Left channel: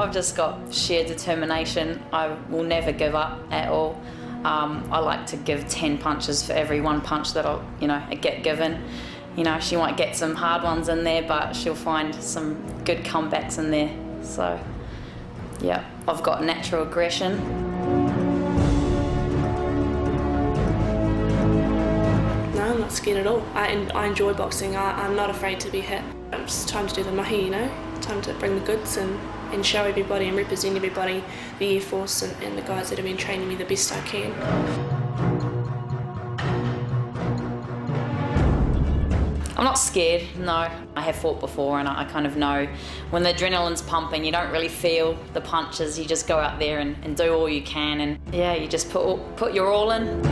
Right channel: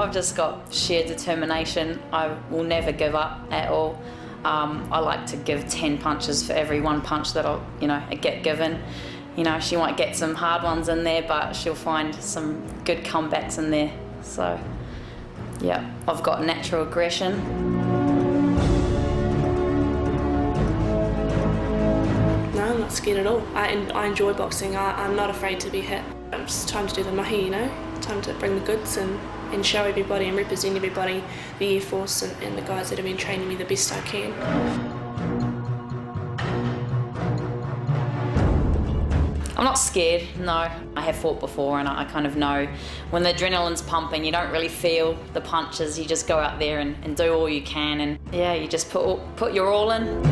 I've just got sheer determination. I will never give up at all. I like to give 10 punches for every one punch that I get given. She might get some hard ones in there, but she'll find some good comebacks in there. So, yeah, I've got natural aggression. No, I'm not scared at all. I enjoy boxing. I'm not afraid to be hit. It's time to do the mahi, time to bring the goods and show everybody and represent everybody, the Air Force and the guys that have been training me the best I can. I'm not scared, no. I have fought before and I kind of know when the adrenaline's pumping, you don't really feel the punches, you just go out there and do all you can, and yeah, you just put your all in.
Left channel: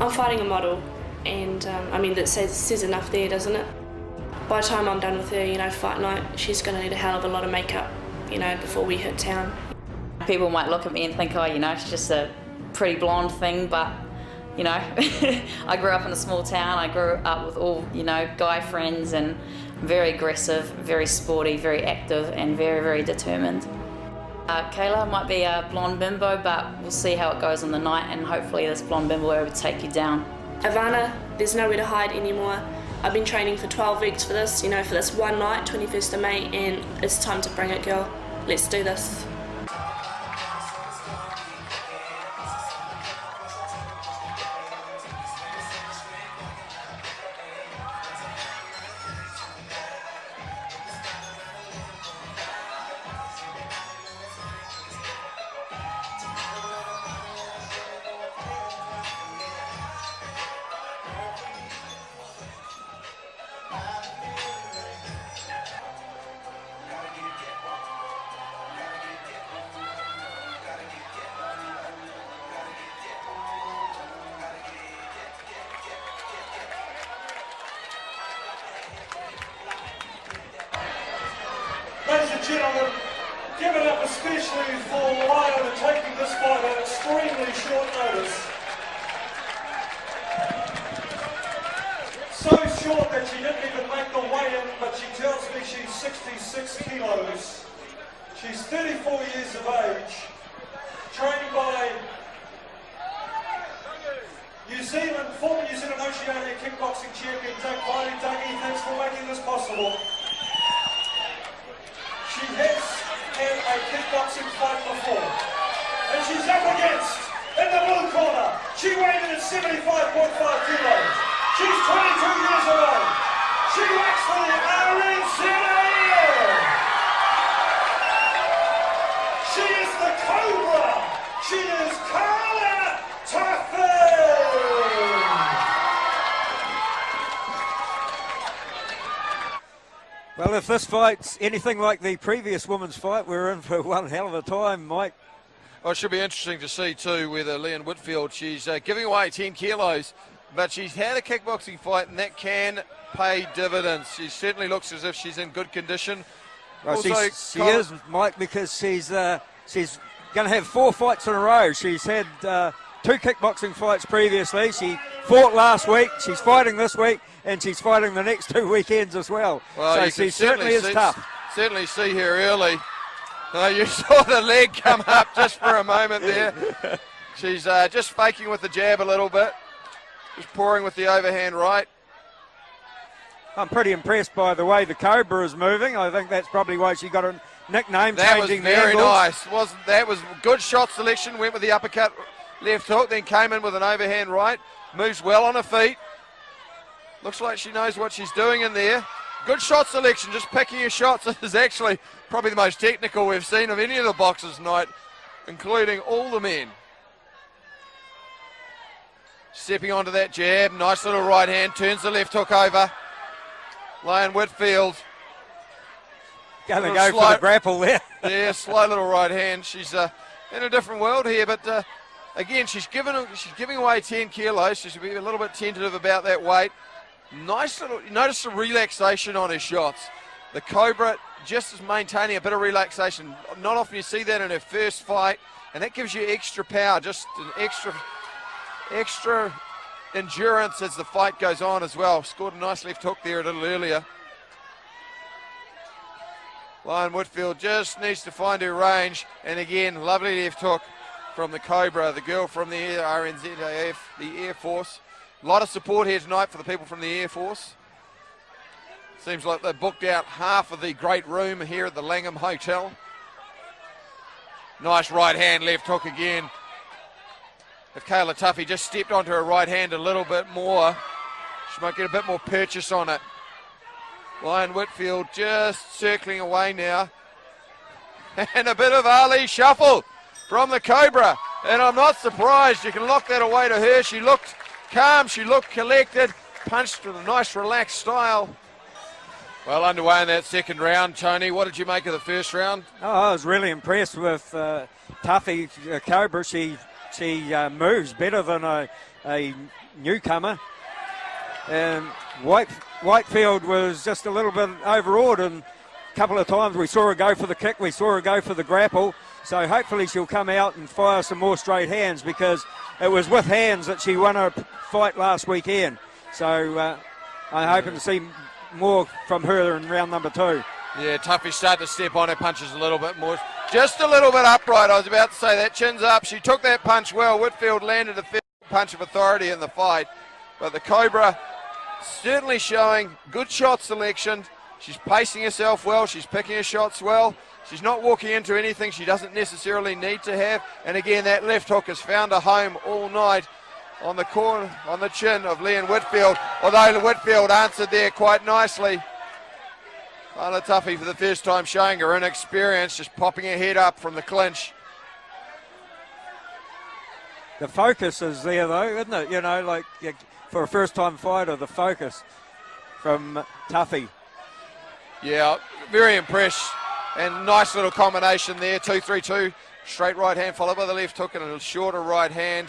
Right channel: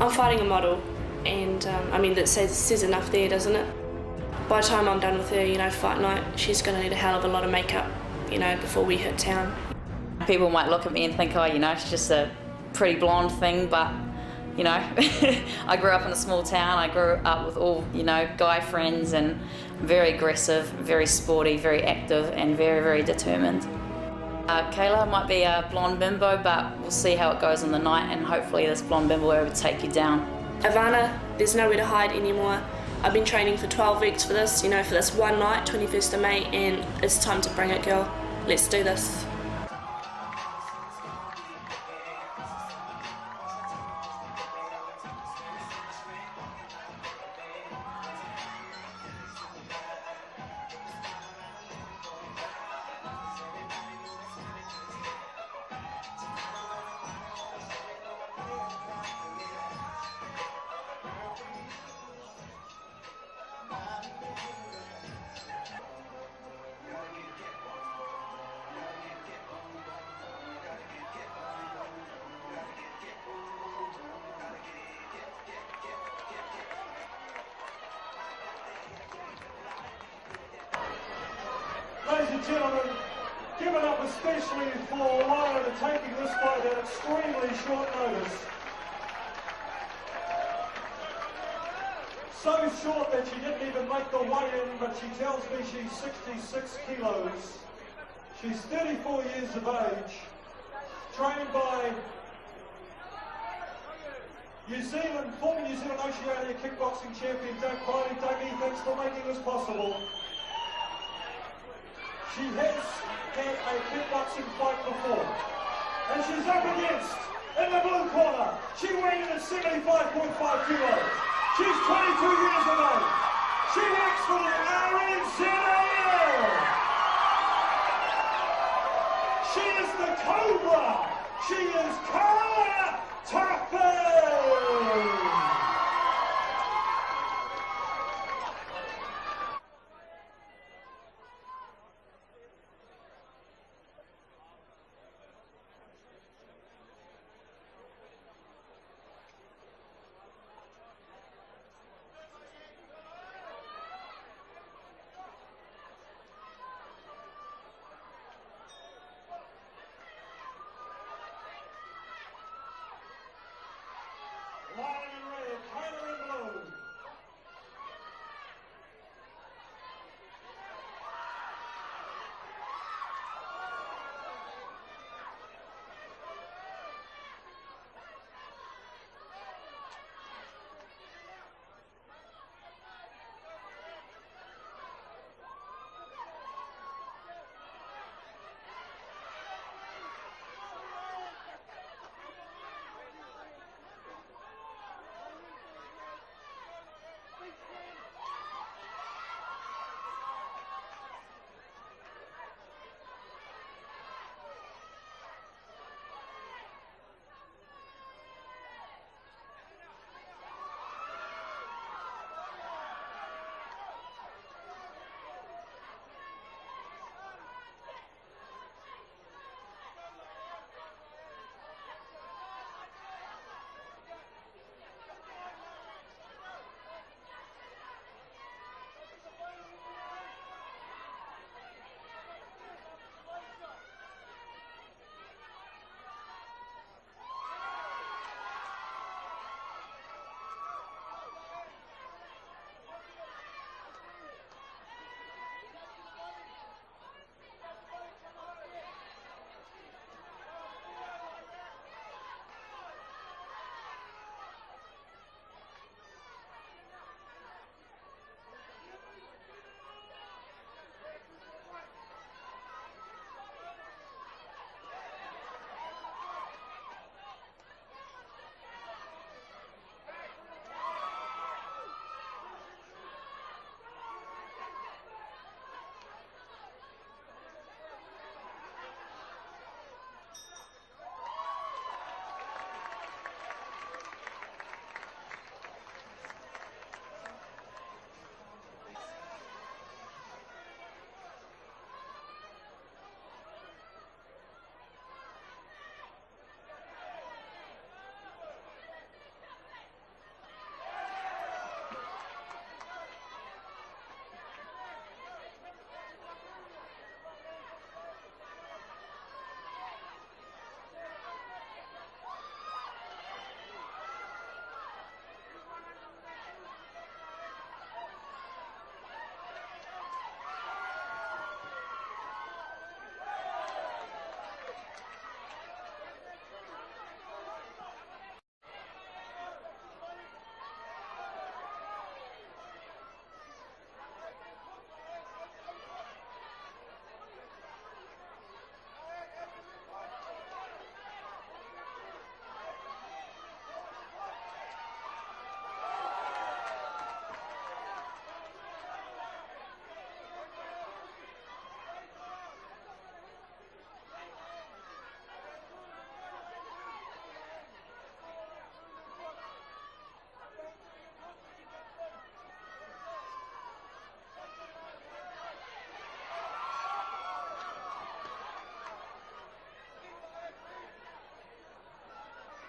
I'm fighting a model, and that says enough there, doesn't it? By the time I'm done with her, fight night, she's going to need a hell of a lot of makeup, before we hit town. People might look at me and think, she's just a pretty blonde thing, but, I grew up in a small town. I grew up with all, guy friends, and very aggressive, very sporty, very active, and very, very determined. Kahla might be a blonde bimbo, but we'll see how it goes on the night, and hopefully this blonde bimbo will take you down. Ivana, there's nowhere to hide anymore. I've been training for 12 weeks for this, for this one night, 21st of May, and it's time to bring it, girl. Let's do this. Ladies and gentlemen, give it up especially for Leanne taking this fight at extremely short notice. So short that she didn't even make the weigh-in, but she tells me she's 66 kilos. She's 34 years of age, trained by former New Zealand Oceania kickboxing champion Doug Kiley. Dougie, thanks for making this possible. She has had a kickboxing fight before, and she's up against, in the blue corner, she weighed in at 75.5 kilos. She's 22 years of age. She works for the RingsideNZ. She is the Cobra. She is Kahla Tuffey. Well, if this fight's anything like the previous women's fight, we're in for one hell of a time, Mike. Well, it should be interesting to see, too, with Leanne Whitfield. She's giving away 10 kilos, but she's had a kickboxing fight, and that can pay dividends. She certainly looks as if she's in good condition. Well, also, she is, Mike, because she's going to have 4 fights in a row. She's had 2 kickboxing fights previously. She fought last week, she's fighting this week, and she's fighting the next 2 weekends as well. Well, so she certainly is tough. Certainly see her early. You saw the leg come up just for a moment there. She's just faking with the jab a little bit. Just pouring with the overhand right. I'm pretty impressed by the way the Cobra is moving. I think that's probably why she got a nickname, that changing was very the angles. nice. That was good shot selection. Went with the uppercut left hook, then came in with an overhand right. Moves well on her feet. Looks like she knows what she's doing in there. Good shot selection, just picking her shots. This is actually probably the most technical we've seen of any of the boxers tonight, including all the men. Stepping onto that jab, nice little right hand, turns the left hook over. Leanne Whitfield. Going to go for the grapple there. Yeah, slow little right hand. She's in a different world here, but again, she's giving away 10 kilos. She should be a little bit tentative about that weight. Nice little, you notice the relaxation on her shots. The Cobra just is maintaining a bit of relaxation. Not often you see that in her first fight, and that gives you extra power, just an extra endurance as the fight goes on as well. Scored a nice left hook there a little earlier. Leanne Whitfield just needs to find her range, and again, lovely left hook from the Cobra, the girl from the RNZAF, the Air Force. A lot of support here tonight for the people from the Air Force. Seems like they booked out half of the great room here at the Langham Hotel. Nice right hand, left hook again. If Kahla Tuffey just stepped onto her right hand a little bit more, she might get a bit more purchase on it. Leanne Whitfield just circling away now. And a bit of Ali shuffle from the Cobra. And I'm not surprised, you can lock that away to her. She looked calm, she looked collected, punched with a nice relaxed style. Well underway in that second round. Tony, what did you make of the first round? Oh, I was really impressed with Tuffey, Cobra. She moves better than a newcomer. And Whitefield was just a little bit overawed, and a couple of times we saw her go for the kick, we saw her go for the grapple. So hopefully she'll come out and fire some more straight hands, because it was with hands that she won her fight last weekend. So I'm hoping to see more from her in round number 2. Yeah, Tuffey started to step on her punches a little bit more. Just a little bit upright, I was about to say that. Chin's up, she took that punch well. Whitfield landed a punch of authority in the fight. But the Cobra certainly showing good shot selection. She's pacing herself well, she's picking her shots well. She's not walking into anything she doesn't necessarily need to have. And again, that left hook has found a home all night on the corner, on the chin of Leanne Whitfield, although Whitfield answered there quite nicely. Kahla Tuffey for the first time showing her inexperience, just popping her head up from the clinch. The focus is there though, isn't it? You know, like for a first time fighter, the focus from Tuffey. Yeah, very impressed. And nice little combination there, 2-3-2. Straight right hand followed by the left hook and a shorter right hand.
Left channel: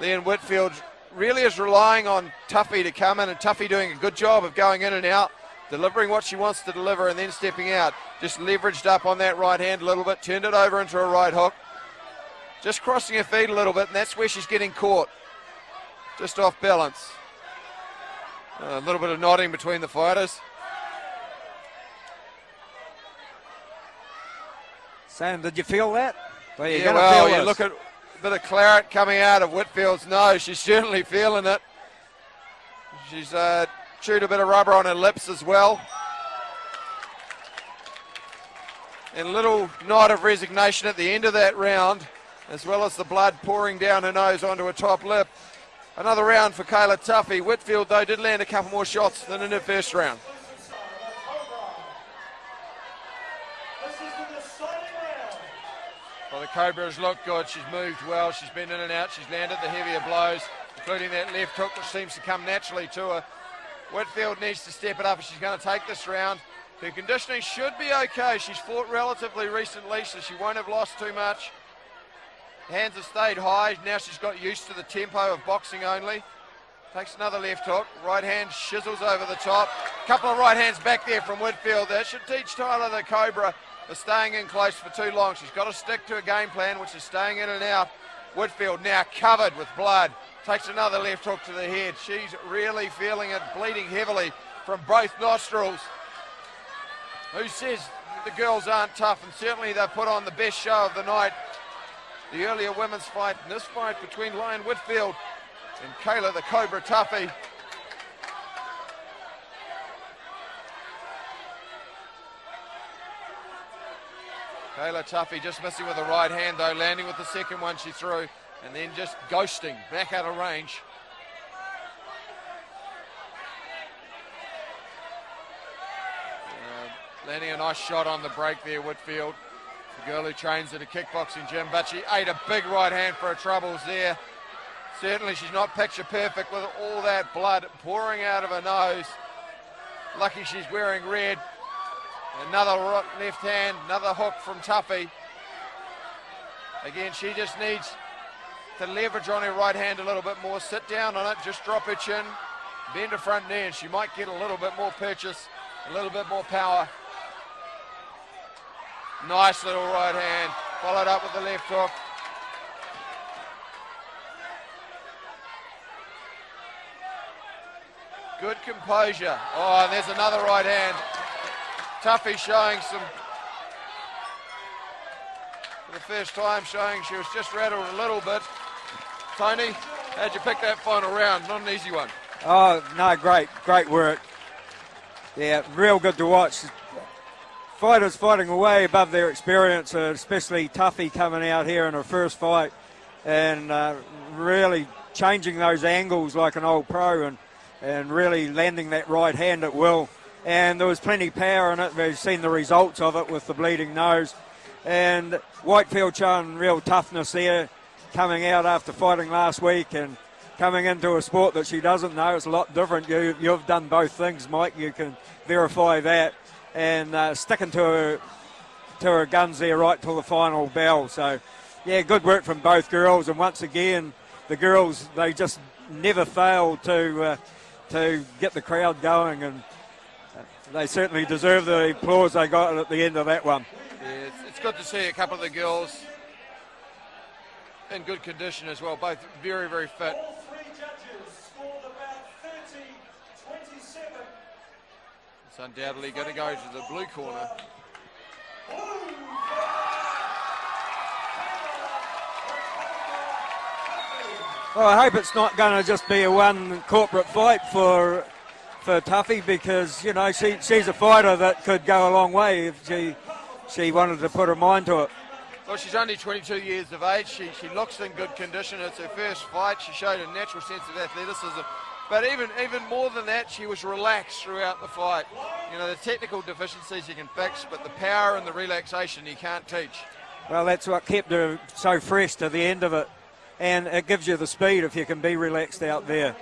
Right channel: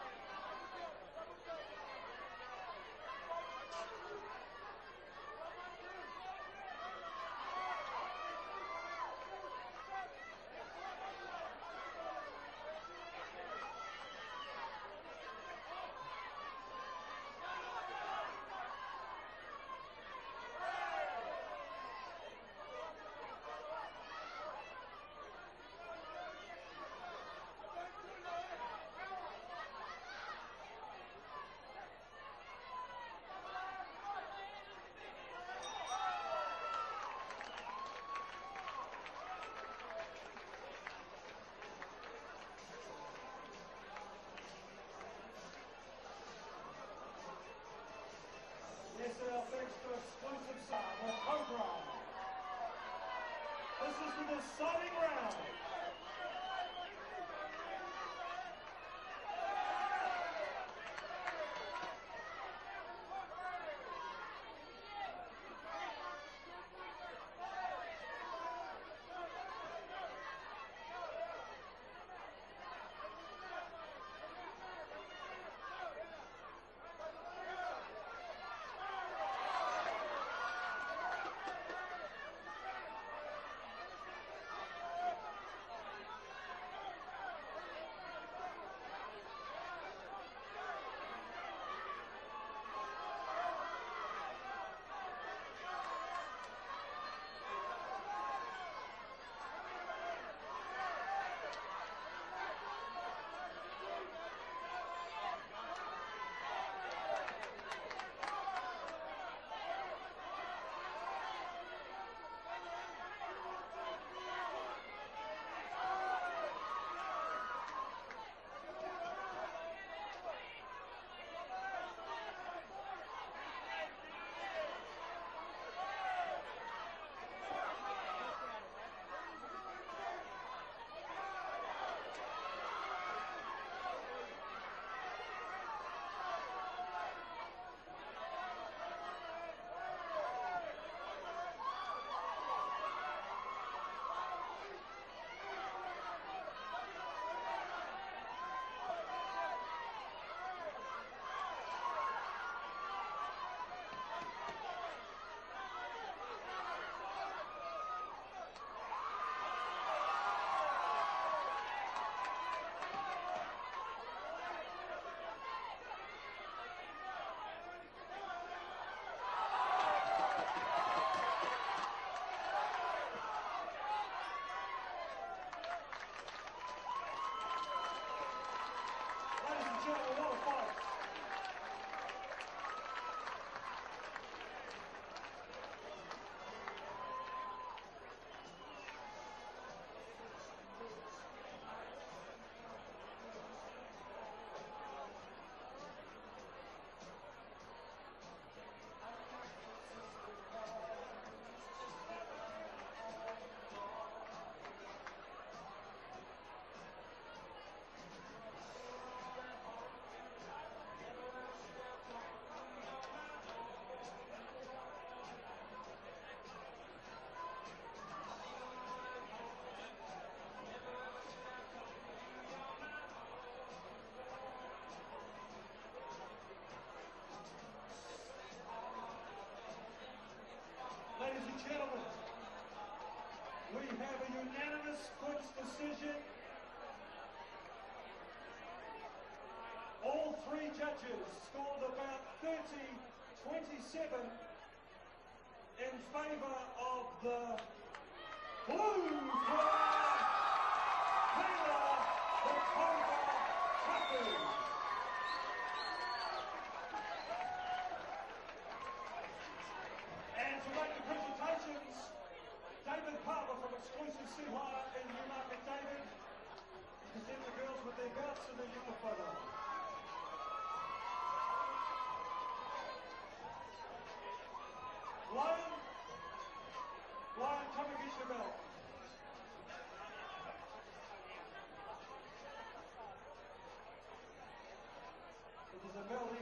Leanne Whitfield really is relying on Tuffey to come in, and Tuffey doing a good job of going in and out, delivering what she wants to deliver and then stepping out. Just leveraged up on that right hand a little bit, turned it over into a right hook. Just crossing her feet a little bit, and that's where she's getting caught. Just off balance. A little bit of nodding between the fighters. Sam, did you feel that? Well, yeah, well, you look at a bit of claret coming out of Whitfield's nose. She's certainly feeling it. She's chewed a bit of rubber on her lips as well. And a little nod of resignation at the end of that round, as well as the blood pouring down her nose onto her top lip. Another round for Kahla Tuffey. Whitfield, though, did land a couple more shots than in her first round. Well, the Cobra's looked good. She's moved well. She's been in and out. She's landed the heavier blows, including that left hook, which seems to come naturally to her. Whitfield needs to step it up if she's going to take this round. Her conditioning should be okay. She's fought relatively recently, so she won't have lost too much. Hands have stayed high. Now she's got used to the tempo of boxing only. Takes another left hook. Right hand shizzles over the top. Couple of right hands back there from Whitfield. That should teach Kahla the Cobra for staying in close for too long. She's got to stick to a game plan, which is staying in and out. Whitfield now covered with blood. Takes another left hook to the head. She's really feeling it, bleeding heavily from both nostrils. Who says the girls aren't tough? And certainly they've put on the best show of the night. The earlier women's fight, and this fight between Leanne Whitfield and Kahla the Cobra Tuffey. Kahla Tuffey just missing with the right hand though, landing with the second one she threw, and then just ghosting back out of range. Landing a nice shot on the break there, Whitfield. The girl who trains at a kickboxing gym, but she ate a big right hand for her troubles there. Certainly she's not picture perfect with all that blood pouring out of her nose. Lucky she's wearing red. Another left hand, another hook from Tuffey. Again, she just needs to leverage on her right hand a little bit more, sit down on it, just drop her chin, bend her front knee, and she might get a little bit more purchase, a little bit more power. Nice little right hand, followed up with the left hook. Good composure. Oh, and there's another right hand. Tuffey showing some, for the first time, showing she was just rattled a little bit. Tony, how'd you pick that final round? Not an easy one. Oh, no, great work. Yeah, real good to watch. Fighters fighting away above their experience, especially Tuffey coming out here in her first fight and really changing those angles like an old pro and really landing that right hand at will. And there was plenty of power in it. We've seen the results of it with the bleeding nose. And Whitefield showing real toughness there, coming out after fighting last week and coming into a sport that she doesn't know. It's a lot different. You've done both things, Mike. You can verify that. And sticking to her guns there right till the final bell. So, yeah, good work from both girls. And once again, the girls, they just never fail to get the crowd going. And they certainly deserve the applause they got at the end of that one. Yeah, it's good to see a couple of the girls in good condition as well, both very, very fit. All three judges scored about 30-27. It's undoubtedly going to go to the blue corner. Well, I hope it's not going to just be a one corporate fight for Tuffey, because, you know, she's a fighter that could go a long way if she wanted to put her mind to it. Well, she's only 22 years of age. She looks in good condition. It's her first fight. She showed a natural sense of athleticism. But even more than that, she was relaxed throughout the fight. You know, the technical deficiencies you can fix, but the power and the relaxation you can't teach. Well, that's what kept her so fresh to the end of it. And it gives you the speed if you can be relaxed out there.